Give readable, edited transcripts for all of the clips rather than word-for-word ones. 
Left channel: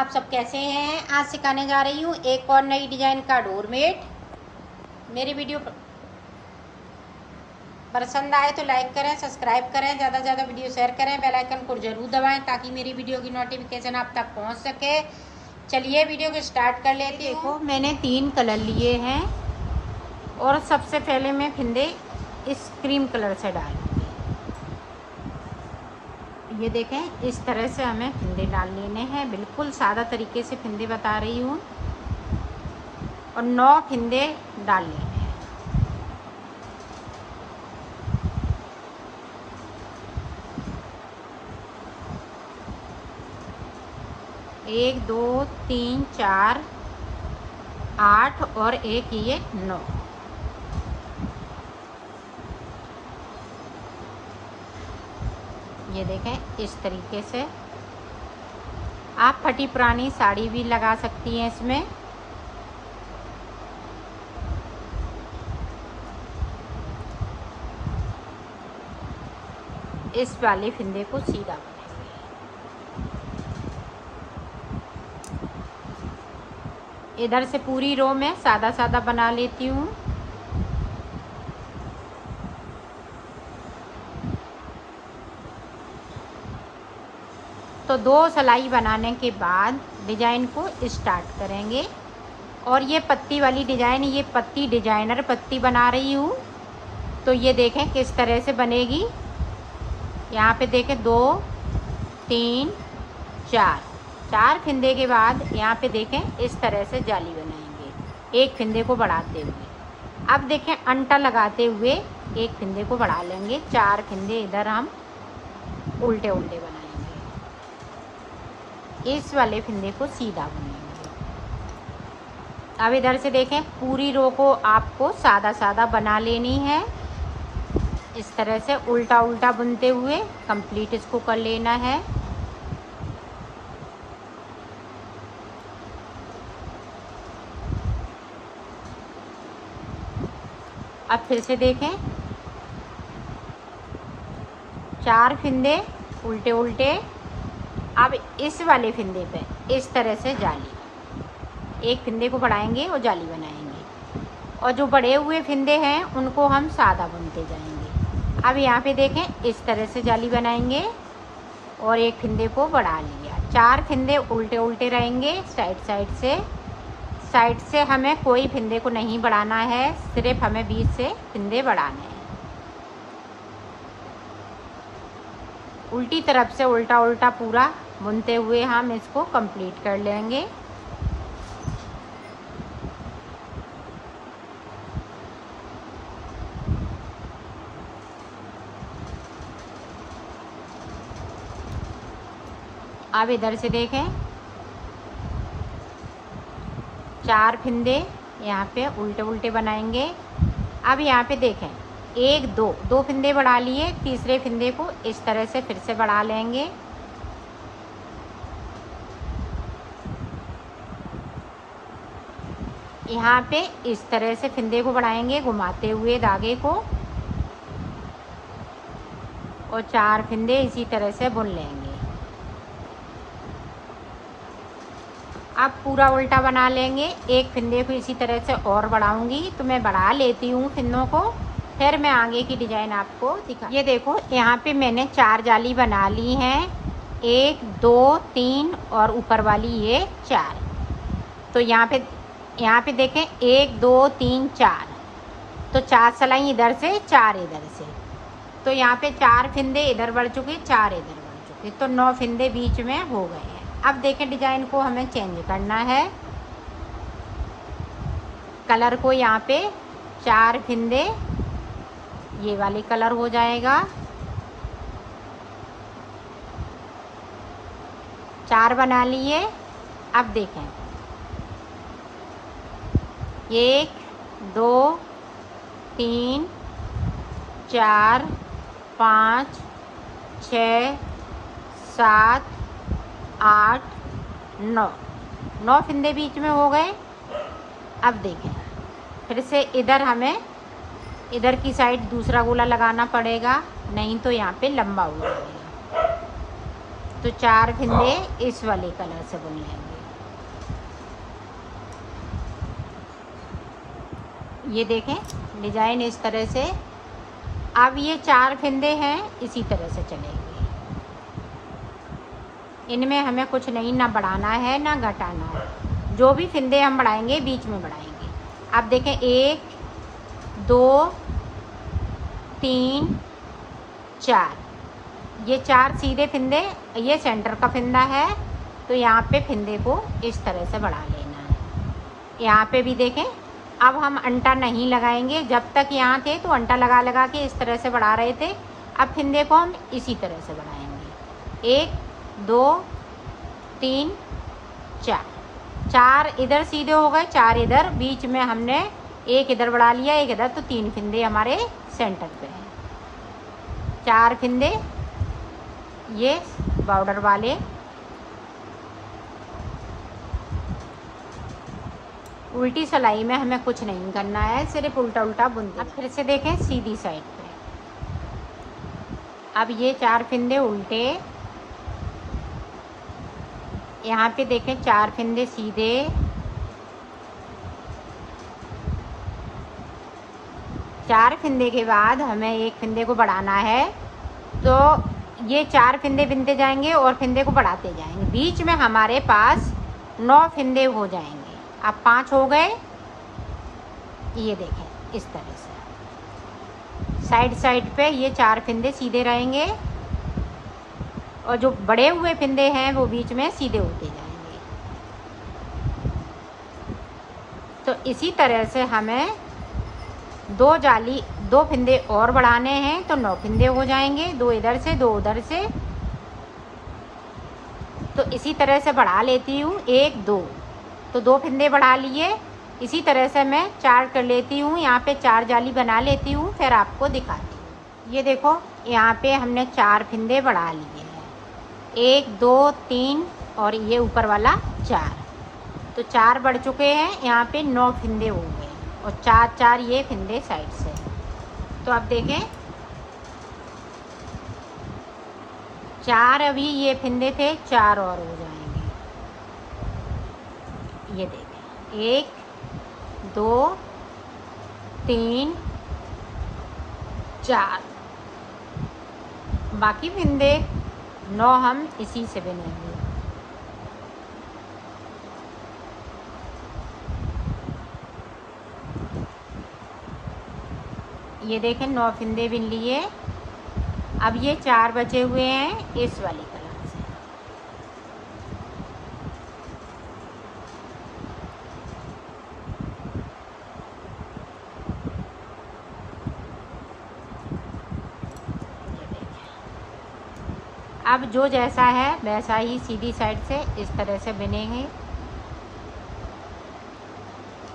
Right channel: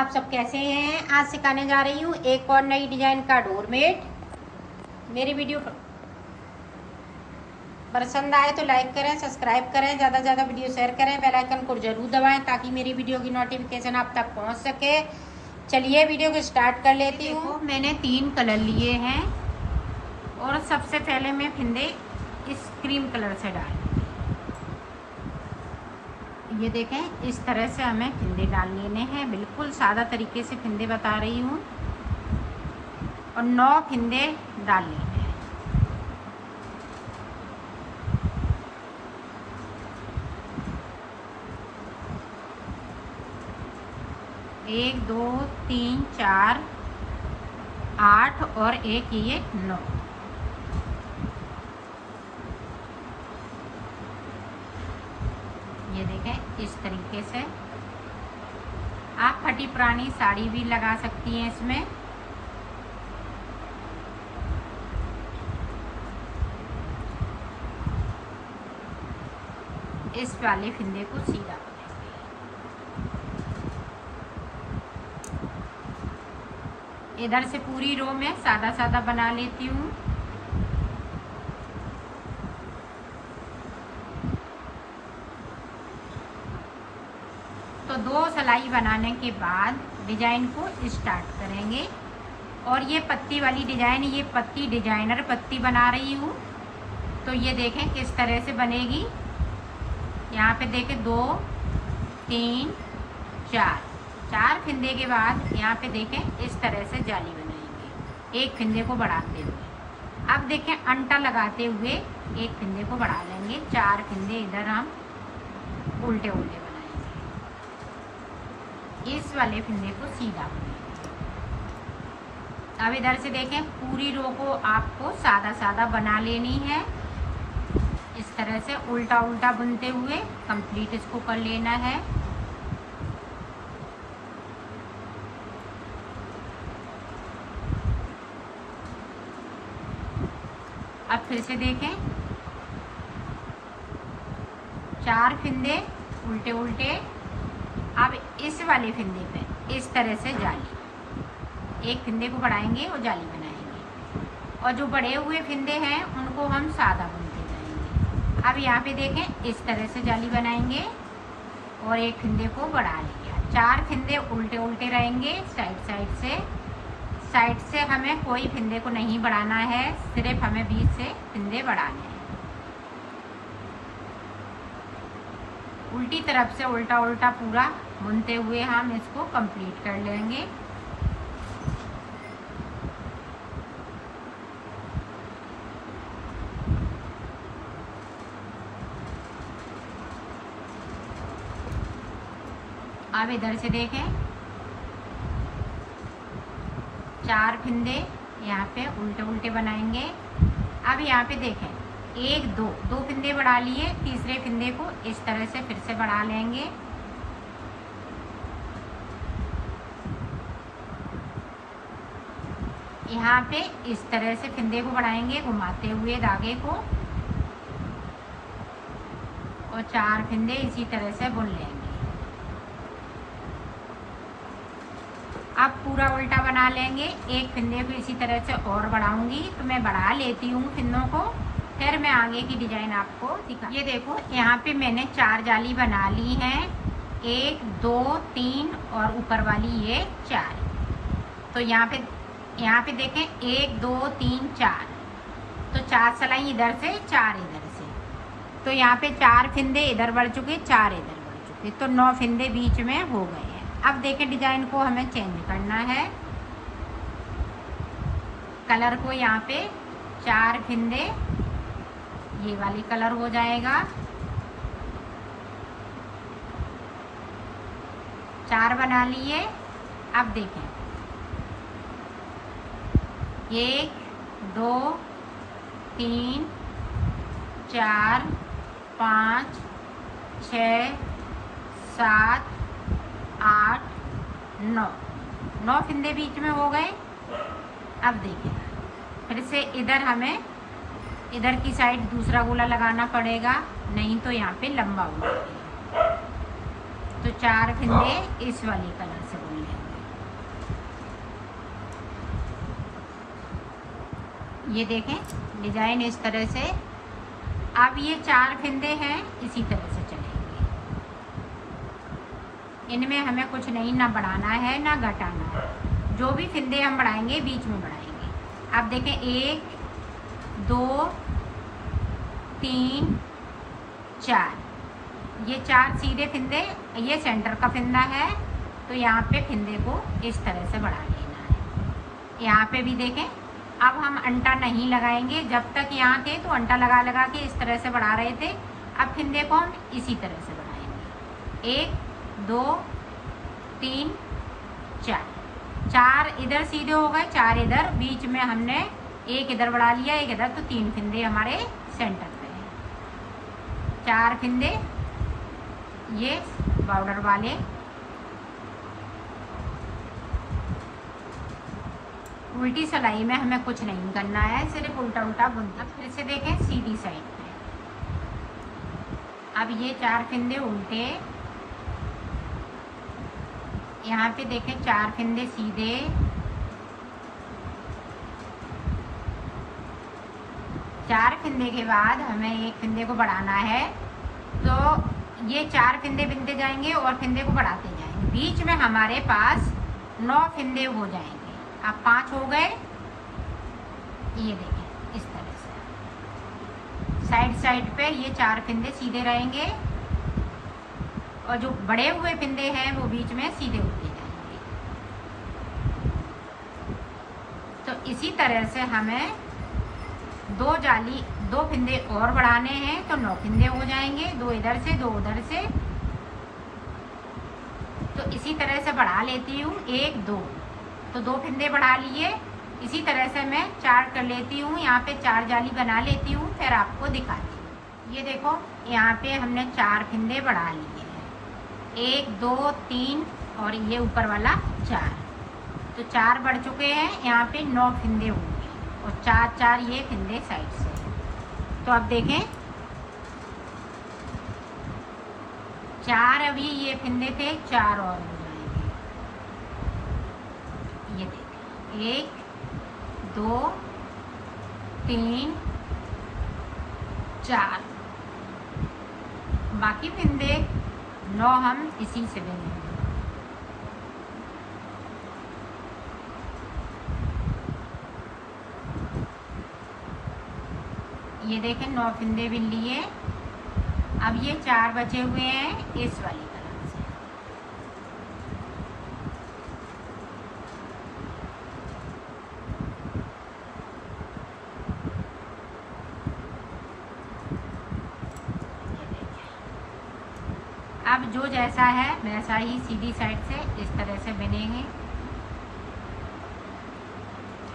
आप सब कैसे हैं। आज सिखाने जा रही हूँ एक और नई डिजाइन का डोरमेट। मेरी वीडियो पसंद आए तो लाइक करें, सब्सक्राइब करें, ज़्यादा से ज़्यादा वीडियो शेयर करें, बेल आइकन को जरूर दबाएं ताकि मेरी वीडियो की नोटिफिकेशन आप तक पहुँच सके। चलिए वीडियो को स्टार्ट कर लेती हूँ। देखो मैंने 3 कलर लिए हैं और सबसे पहले मैं फिंदे इस क्रीम कलर से डालूंगी। ये देखें, इस तरह से हमें फिंदे डाल लेने हैं। बिल्कुल सादा तरीके से फिंदे बता रही हूँ और 9 फिंदे डाल लेंगे। 1 2 3 4 8 और एक ये 9। ये देखें, इस तरीके से आप फटी पुरानी साड़ी भी लगा सकती हैं इसमें। इस वाले फिंदे को सीधा इधर से पूरी रो में सादा सादा बना लेती हूँ। तो 2 सिलाई बनाने के बाद डिजाइन को स्टार्ट करेंगे। और ये पत्ती वाली डिजाइन, ये पत्ती डिजाइनर पत्ती बना रही हूँ। तो ये देखें किस तरह से बनेगी। यहाँ पे देखें 2 3 4 फिंदे के बाद यहाँ पे देखें इस तरह से जाली बनाएंगे, एक फिंदे को बढ़ाते हुए। अब देखें अंटा लगाते हुए एक फिंदे को बढ़ा लेंगे। 4 फिंदे इधर हम उल्टे उल्टे बनाएंगे। इस वाले फिंदे को सीधा बनाएंगे। अब इधर से देखें पूरी रो को आपको सादा सादा बना लेनी है। इस तरह से उल्टा उल्टा बुनते हुए कंप्लीट इसको कर लेना है। अब फिर से देखें 4 फिंदे उल्टे उल्टे। अब इस वाले फिंदे पे इस तरह से जाली, एक फिंदे को बढ़ाएंगे और जाली बनाएंगे। और जो बड़े हुए फिंदे हैं उनको हम सादा बुनते जाएंगे। अब यहाँ पे देखें इस तरह से जाली बनाएंगे और एक फिंदे को बढ़ा लिया। 4 फिंदे उल्टे उल्टे रहेंगे साइड से हमें कोई फिंदे को नहीं बढ़ाना है, सिर्फ हमें बीच से फिंदे बढ़ाने हैं। उल्टी तरफ से उल्टा उल्टा पूरा बुनते हुए हम इसको कंप्लीट कर लेंगे। अब इधर से देखें 4 फिंदे यहाँ पे उल्टे उल्टे बनाएंगे। अब यहाँ पे देखें 1 2 फिंदे बढ़ा लिए, तीसरे फिंदे को इस तरह से फिर से बढ़ा लेंगे। यहाँ पे इस तरह से फिंदे को बढ़ाएंगे घुमाते हुए धागे को और 4 फिंदे इसी तरह से बुन लेंगे। अब पूरा उल्टा बना लेंगे। एक फिंदे को इसी तरह से और बढ़ाऊंगी, तो मैं बढ़ा लेती हूँ फिंदों को, फिर मैं आगे की डिजाइन आपको दिखा। ये देखो यहाँ पे मैंने 4 जाली बना ली हैं, 1 2 3 और ऊपर वाली ये 4। तो यहाँ पे देखें 1 2 3 4, तो 4 सिलाई इधर से 4 इधर से। तो यहाँ पे 4 फिंदे इधर बढ़ चुके, 4 इधर बढ़ चुके, तो 9 फिंदे बीच में हो गए हैं। अब देखें डिजाइन को हमें चेंज करना है। कलर को यहाँ पे 4 फिंदे ये वाली कलर हो जाएगा। 4 बना लिए। अब देखें 1 2 3 4 5 6 7 8 9 फिंदे बीच में हो गए। अब देखिए फिर से इधर हमें इधर की साइड दूसरा गोला लगाना पड़ेगा, नहीं तो यहाँ पे लंबा हो जाएगा। तो 4 फिंदे इस वाले कलर से बुन लेंगे। ये देखें डिजाइन इस तरह से। अब ये 4 फिंदे हैं, इसी तरह से चलेंगे। इनमें हमें कुछ नहीं ना बढ़ाना है ना घटाना है। जो भी फिंदे हम बढ़ाएंगे बीच में बढ़ाएंगे। अब देखें 1 2 3 4, ये 4 सीधे फिंदे, ये सेंटर का फिंदा है। तो यहाँ पे फिंदे को इस तरह से बढ़ा लेना है। यहाँ पे भी देखें, अब हम अंटा नहीं लगाएंगे। जब तक यहाँ थे तो अंटा लगा लगा के इस तरह से बढ़ा रहे थे। अब फिंदे को हम इसी तरह से बढ़ाएंगे। 1 2 3 4, 4 इधर सीधे हो गए, 4 इधर, बीच में हमने 1 इधर बढ़ा लिया, 1 इधर, तो 3 फिंदे हमारे सेंटर पे हैं। 4 फिंदे ये बॉर्डर वाले। उल्टी सिलाई में हमें कुछ नहीं करना है, सिर्फ उल्टा उल्टा बुनते। अब फिर से देखें सीधी साइड पे। अब ये 4 फिंदे उल्टे, यहाँ पे देखें 4 फिंदे सीधे, 4 फिंदे के बाद हमें 1 फिंदे को बढ़ाना है। तो ये 4 फिंदे बिनते जाएंगे और फिंदे को बढ़ाते जाएंगे। बीच में हमारे पास 9 फिंदे हो जाएंगे। अब 5 हो गए। ये देखें इस तरह से साइड साइड पे ये 4 फिंदे सीधे रहेंगे और जो बड़े हुए फिंदे हैं वो बीच में सीधे होते जाएंगे। तो इसी तरह से हमें 2 फिंदे और बढ़ाने हैं, तो 9 फिंदे हो जाएंगे। 2 इधर से 2 उधर से। तो इसी तरह से बढ़ा लेती हूँ। 1 2, तो 2 फिंदे बढ़ा लिए। इसी तरह से मैं 4 कर लेती हूँ। यहाँ पे 4 जाली बना लेती हूँ, फिर आपको दिखाती हूँ। ये देखो यहाँ पे हमने 4 फिंदे बढ़ा लिए हैं। 1 2 3 और ये ऊपर वाला 4, तो 4 बढ़ चुके हैं। यहाँ पे 9 फिंदे हो गए और 4 4 ये फिंदे साइड से। तो अब देखें 4 अभी ये फिंदे थे, 4 और हो जाएंगे। ये देखें 1 2 3 4, बाकी फिंदे 9 हम इसी से बुनेंगे। ये देखें 9 फिंदे बिन लिए। अब ये 4 बचे हुए हैं इस वाली तरफ से। अब जो जैसा है वैसा ही सीधी साइड से इस तरह से बिनेंगे।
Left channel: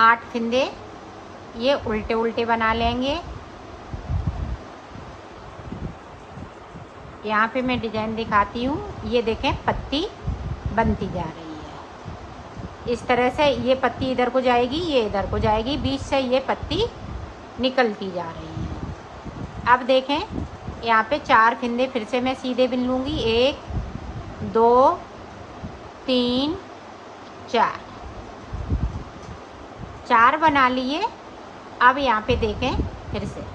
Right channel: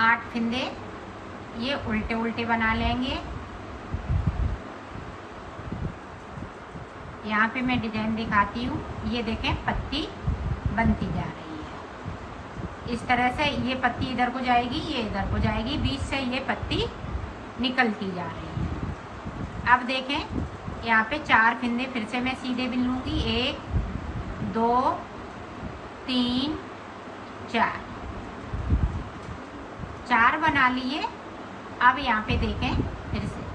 8 फिंदे ये उल्टे उल्टे बना लेंगे। यहाँ पे मैं डिजाइन दिखाती हूँ। ये देखें पत्ती बनती जा रही है इस तरह से। ये पत्ती इधर को जाएगी, ये इधर को जाएगी, बीच से ये पत्ती निकलती जा रही है। अब देखें यहाँ पे 4 फिंदे फिर से मैं सीधे बिन लूँगी। 1 2 3 4, 4 बना लिए। अब यहाँ पे देखें फिर से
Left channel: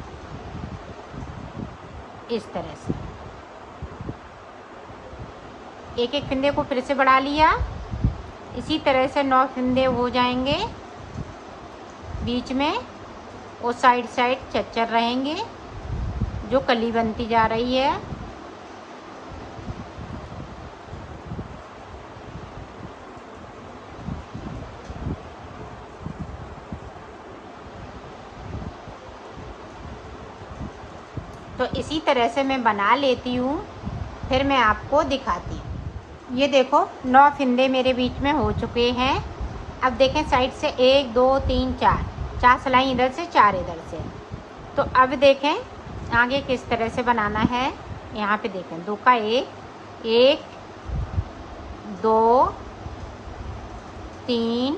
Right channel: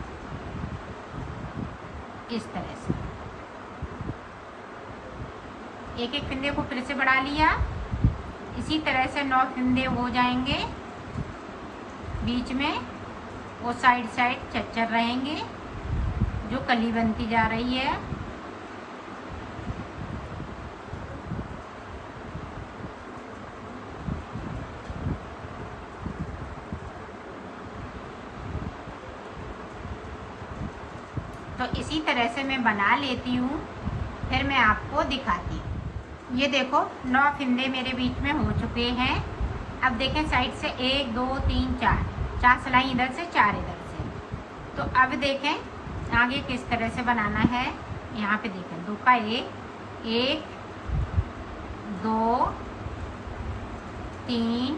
इस तरह से एक एक फिंदे को फिर से बढ़ा लिया। इसी तरह से 9 फिंदे हो जाएंगे बीच में, और साइड साइड चच्चर रहेंगे जो कली बनती जा रही है। तो इसी तरह से मैं बना लेती हूँ, फिर मैं आपको दिखाती हूँ। ये देखो 9 फिंदे मेरे बीच में हो चुके हैं। अब देखें साइड से 1 2 3 4, 4 सिलाई इधर से 4 इधर से। तो अब देखें आगे किस तरह से बनाना है। यहाँ पे देखें 2 का 1 1 2 3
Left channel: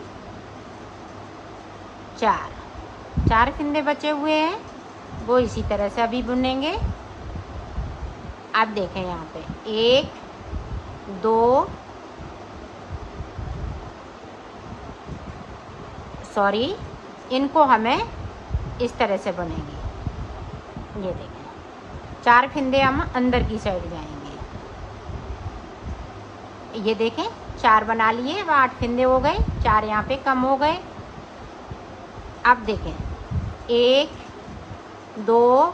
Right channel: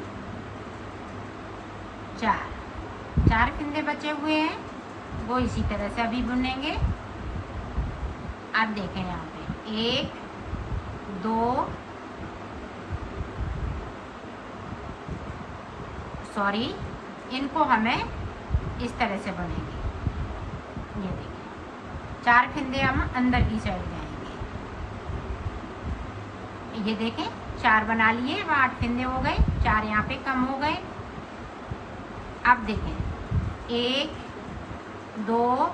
4, 4 फिंदे बचे हुए हैं, वो इसी तरह से अभी बुनेंगे। अब देखें यहाँ पे 1 2 सॉरी इनको हमें इस तरह से बुनेंगे। ये देखें 4 फिंदे हम अंदर की साइड जाएंगे। ये देखें 4 बना लिए, अब 8 फिंदे हो गए, 4 यहाँ पे कम हो गए। अब देखें 1 2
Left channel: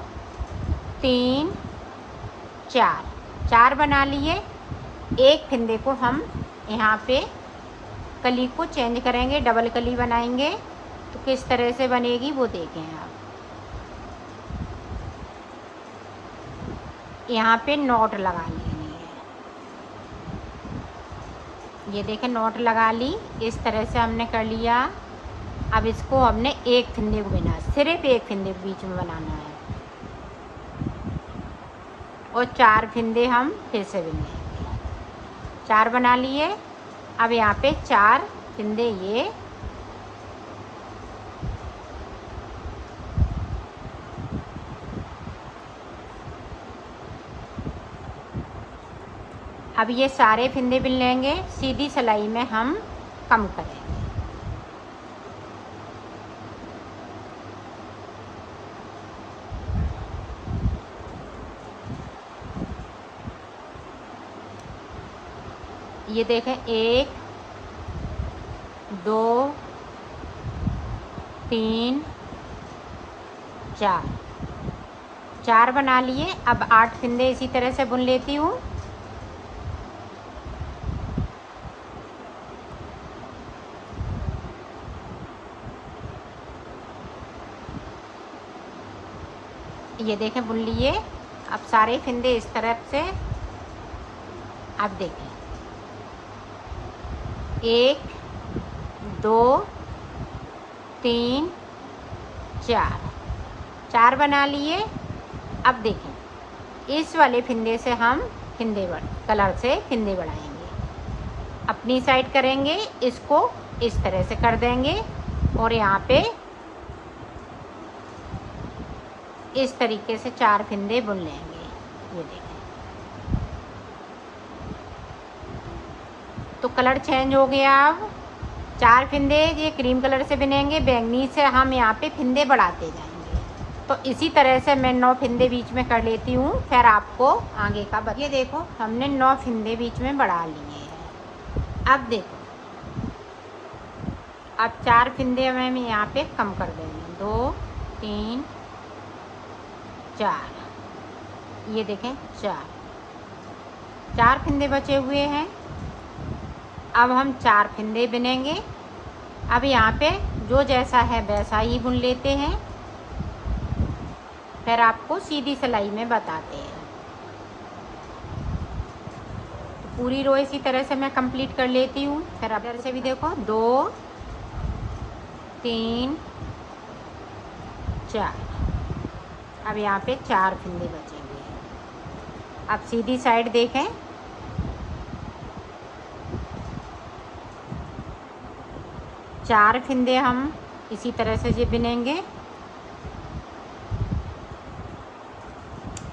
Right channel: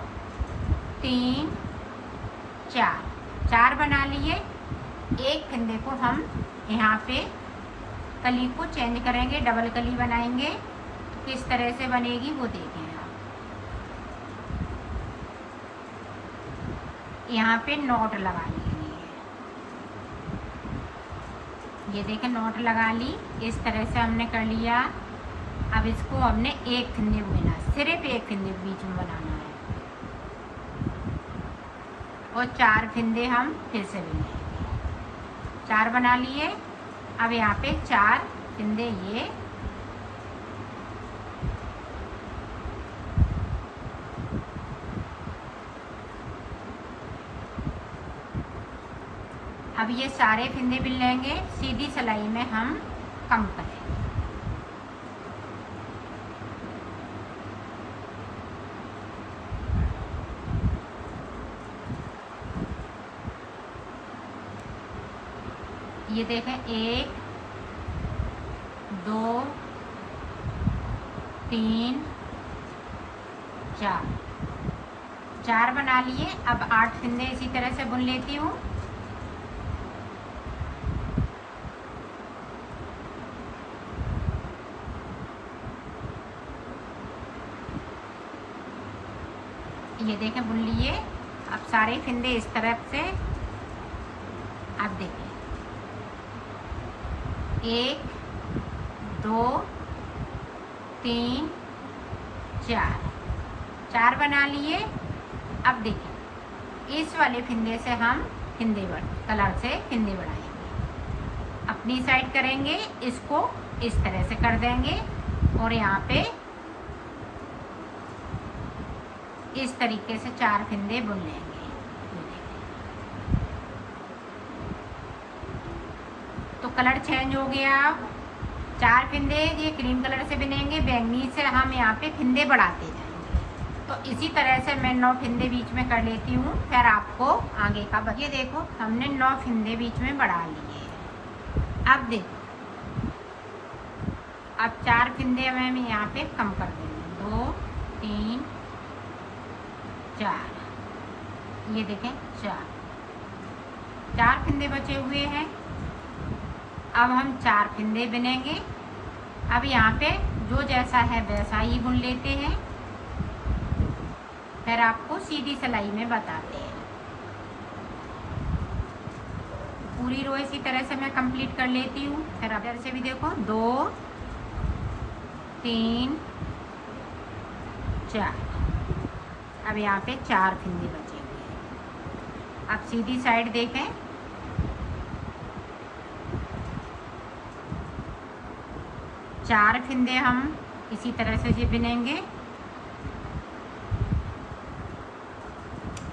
3 4 बना लिए। एक फिंदे को हम यहाँ पे कली को चेंज करेंगे, डबल कली बनाएंगे। तो किस तरह से बनेगी वो देखें आप। यहाँ पे नॉट लगा लेंगे। ये देखें नॉट लगा ली, इस तरह से हमने कर लिया। अब इसको हमने एक फिंदे को बिना, सिर्फ एक फिंदे के बीच में बनाना है और 4 फिंदे हम फिर से बिनेंगे। 4 बना लिए। अब यहाँ पे 4 फिंदे ये अब ये सारे फिंदे बिन लेंगे। सीधी सिलाई में हम कम करें। ये देखें 1 2 3 4 बना लिए। अब 8 फिंदे इसी तरह से बुन लेती हूँ। ये देखें बुन लिए। अब सारे फिंदे इस तरफ से, अब देखें 1 2 3 4 बना लिए। अब देखिए इस वाले फिंदे से हम कलर से फिंदे बढ़ाएंगे। अपनी साइड करेंगे, इसको इस तरह से कर देंगे और यहाँ पे इस तरीके से 4 फिंदे बुन लेंगे। ये देखें तो कलर चेंज हो गया। अब 4 फिंदे ये क्रीम कलर से बुनेंगे, बैंगनी से हम यहाँ पे फिंदे बढ़ाते जाएंगे। तो इसी तरह से मैं 9 फिंदे बीच में कर लेती हूँ, फिर आपको आगे का ये देखो हमने 9 फिंदे बीच में बढ़ा लिए हैं। अब देखो अब 4 फिंदे हम यहाँ पे कम कर देंगे। 2 3 4 ये देखें 4 फिंदे बचे हुए हैं। अब हम 4 फिंदे बुनेंगे। अब यहाँ पे जो जैसा है वैसा ही बुन लेते हैं, फिर आपको सीधी सिलाई में बताते हैं। पूरी रो इसी तरह से मैं कंप्लीट कर लेती हूँ। फिर अब इधर से भी देखो 2 3 4 अब यहाँ पे 4 फिंदे बचेंगे। अब सीधी साइड देखें, चार फिंदे हम इसी तरह से ये बुनेंगे।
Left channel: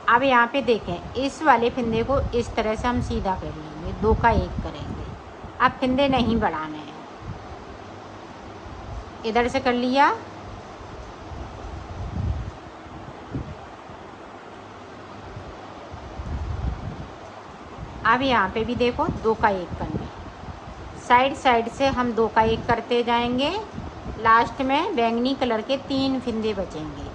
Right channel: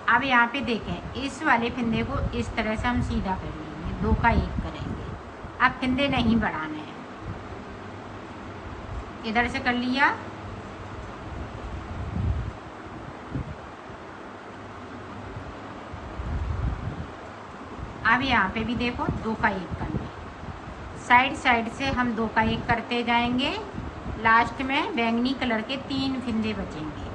अब यहाँ पे देखें इस वाले फिंदे को इस तरह से हम सीधा कर लेंगे, 2 का 1 करेंगे। अब फिंदे नहीं बढ़ाने हैं, इधर से कर लिया। अब यहाँ पे भी देखो 2 का 1 करना, साइड साइड से हम 2 का 1 करते जाएंगे। लास्ट में बैंगनी कलर के 3 फिंदे बचेंगे।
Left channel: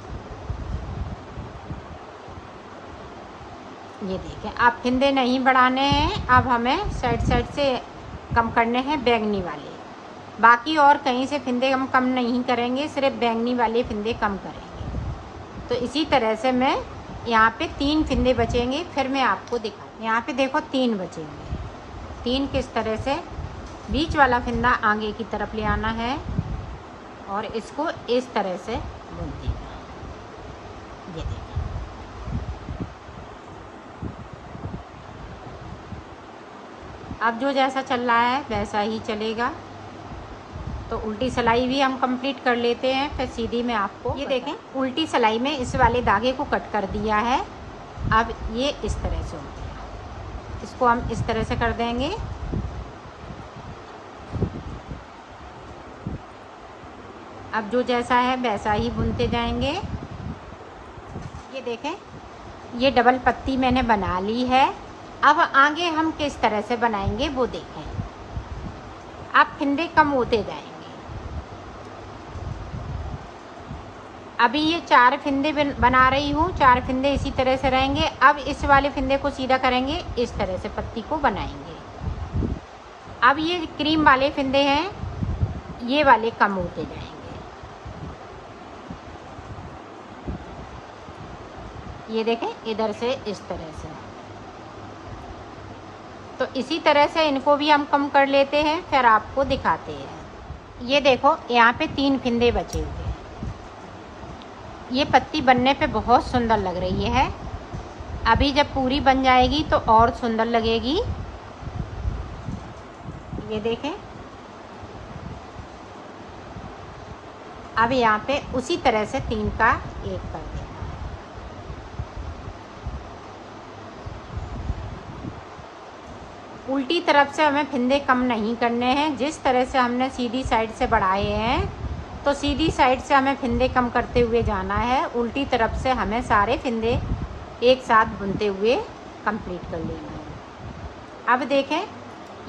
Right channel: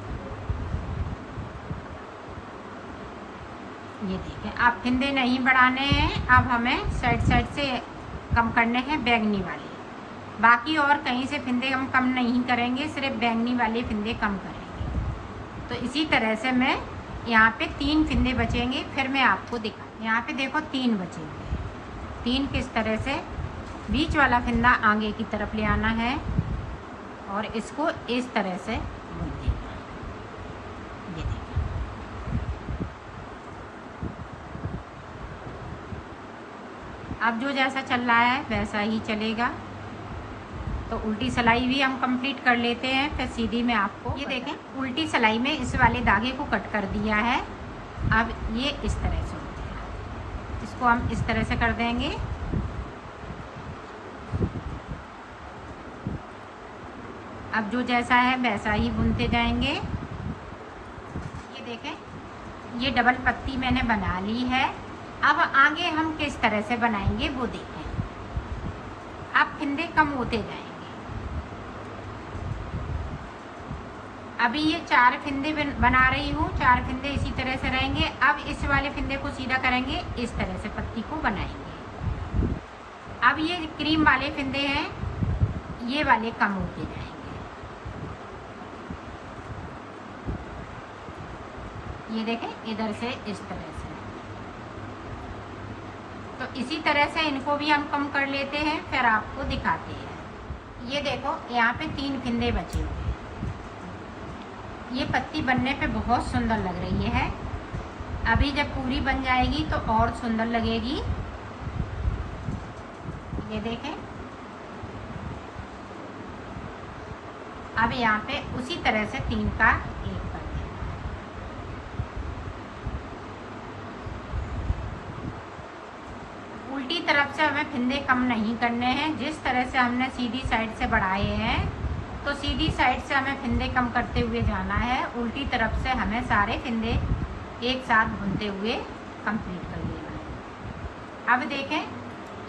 ये देखें अब फिंदे नहीं बढ़ाने हैं, अब हमें साइड साइड से कम करने हैं बैंगनी वाले। बाकी और कहीं से फिंदे हम कम नहीं करेंगे, सिर्फ बैंगनी वाले फिंदे कम करेंगे। तो इसी तरह से मैं यहाँ पे 3 फिंदे बचेंगे, फिर मैं आपको दिखा। यहाँ पे देखो 3 बचेंगे। 3 किस तरह से, बीच वाला फिंदा आगे की तरफ ले आना है और इसको इस तरह से बुन देना। ये देखो अब जो जैसा चल रहा है वैसा ही चलेगा। तो उल्टी सिलाई भी हम कंप्लीट कर लेते हैं, फिर सीधी में आपको ये देखें उल्टी सिलाई में इस वाले धागे को कट कर दिया है। अब ये इस तरह से होगा। इसको हम इस तरह से कर देंगे। अब जो जैसा है वैसा ही बुनते जाएंगे। ये देखें, ये डबल पत्ती मैंने बना ली है। अब आगे हम किस तरह से बनाएंगे वो देखें। अब फंदे कम होते जाएंगे। अभी ये 4 फंदे बना रही हूँ, 4 फंदे इसी तरह से रहेंगे। अब इस वाले फंदे को सीधा करेंगे, इस तरह से पत्ती को बनाएंगे। अब ये क्रीम वाले फंदे हैं, ये वाले कम होते जाएंगे। ये देखें, इधर से इस तरह से। तो इसी तरह से इनको भी हम कम कर लेते हैं, फिर आपको दिखाते हैं। ये देखो, यहाँ पे 3 फंदे बचे हुए हैं। ये पत्ती बनने पे बहुत सुंदर लग रही है। अभी जब पूरी बन जाएगी तो और सुंदर लगेगी। ये देखें। अब यहाँ पे उसी तरह से 3 का 1 कर देना है। उल्टी तरफ से हमें फंदे कम नहीं करने हैं। जिस तरह से हमने सीधी साइड से बढ़ाए हैं, तो सीधी साइड से हमें फंदे कम करते हुए जाना है। उल्टी तरफ से हमें सारे फंदे एक साथ बुनते हुए कंप्लीट कर लेंगे। अब देखें,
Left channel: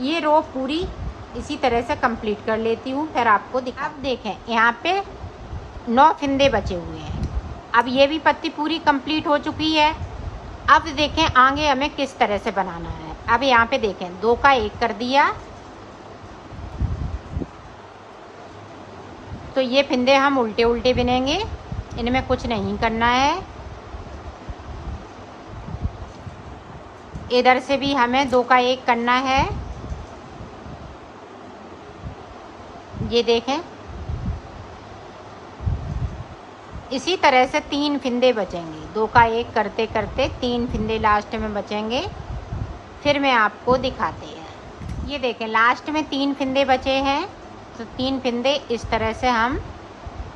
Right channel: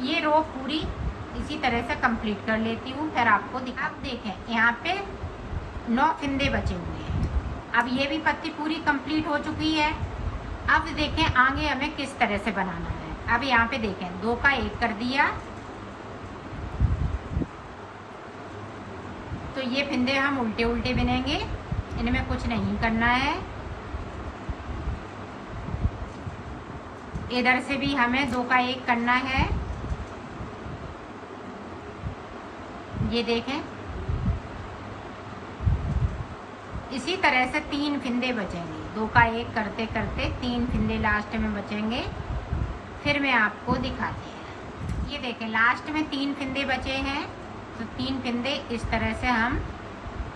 ये रो पूरी इसी तरह से कंप्लीट कर लेती हूँ, फिर आपको दिखा। अब देखें, यहाँ पे 9 फंदे बचे हुए हैं। अब ये भी पत्ती पूरी कंप्लीट हो चुकी है। अब देखें आगे हमें किस तरह से बनाना है। अब यहाँ पे देखें, 2 का 1 कर दिया। तो ये फंदे हम उल्टे उल्टे बुनेंगे, इनमें कुछ नहीं करना है। इधर से भी हमें 2 का 1 करना है। ये देखें, इसी तरह से 3 फंदे बचेंगे। 2 का 1 करते करते 3 फंदे लास्ट में बचेंगे, फिर मैं आपको दिखाते हैं। ये देखें, लास्ट में 3 फंदे बचे हैं। तो 3 फंदे इस तरह से हम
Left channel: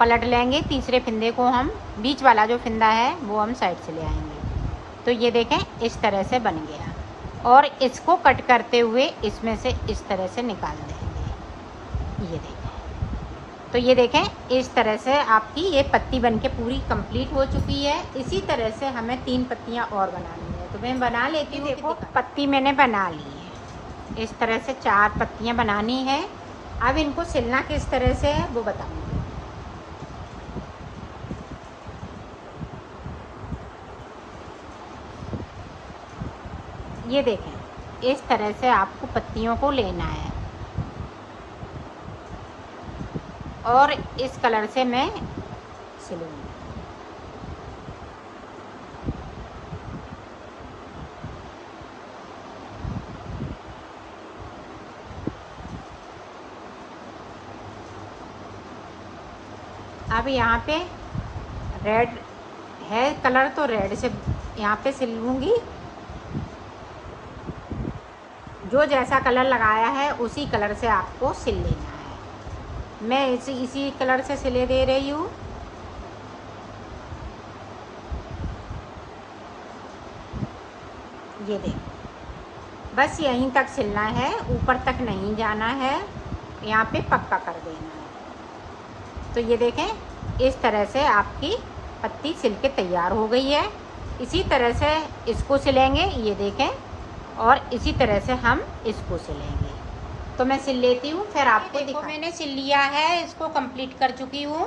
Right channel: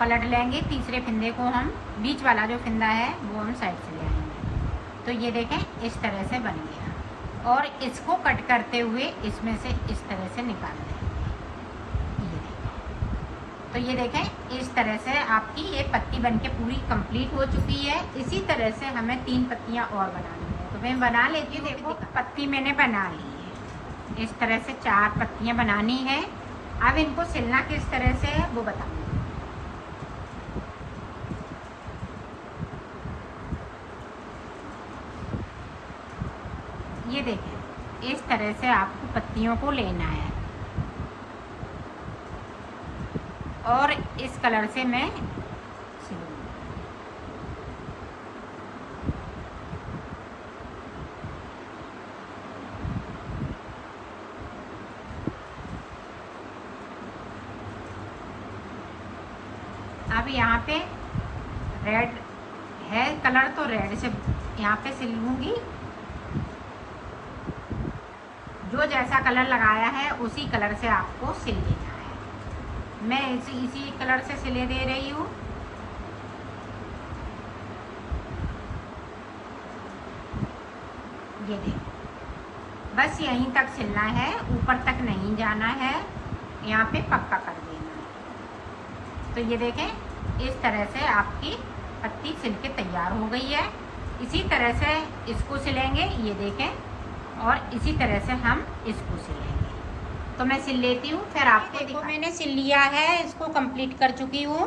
पलट लेंगे। तीसरे फंदे को हम, बीच वाला जो फंदा है वो हम साइड से ले आएंगे। तो ये देखें, इस तरह से बन गया। और इसको कट करते हुए इसमें से इस तरह से निकाल देंगे। ये देखें। तो ये देखें, इस तरह से आपकी ये पत्ती बनके पूरी कंप्लीट हो चुकी है। इसी तरह से हमें 3 पत्तियां और बनानी है। तो मैं बना लेती हूँ। देखो, पत्ती मैंने बना ली है। इस तरह से 4 पत्तियां बनानी है। अब इनको सिलना किस तरह से है वो बताऊंगी। ये देखें, इस तरह से आपको पत्तियों को लेना है और इस कलर से मैं सिलूंगी। अब यहाँ पे रेड है कलर, तो रेड से यहाँ पे सिलूंगी। जो जैसा कलर लगाया है उसी कलर से आपको सिल लेना है। मैं इसी कलर से सिले दे रही हूँ। ये देखो, बस यहीं तक सिलना है, ऊपर तक नहीं जाना है। यहाँ पे पक्का कर देना है। तो ये देखें, इस तरह से आपकी पत्ती सिल के तैयार हो गई है। इसी तरह से इसको सिलेंगे। ये देखें, और इसी तरह से हम इसको सिलेंगे। तो मैं सिल लेती हूँ, फिर आपको देखो। मैंने सिल लिया है, इसको कंप्लीट कर चुकी हूँ।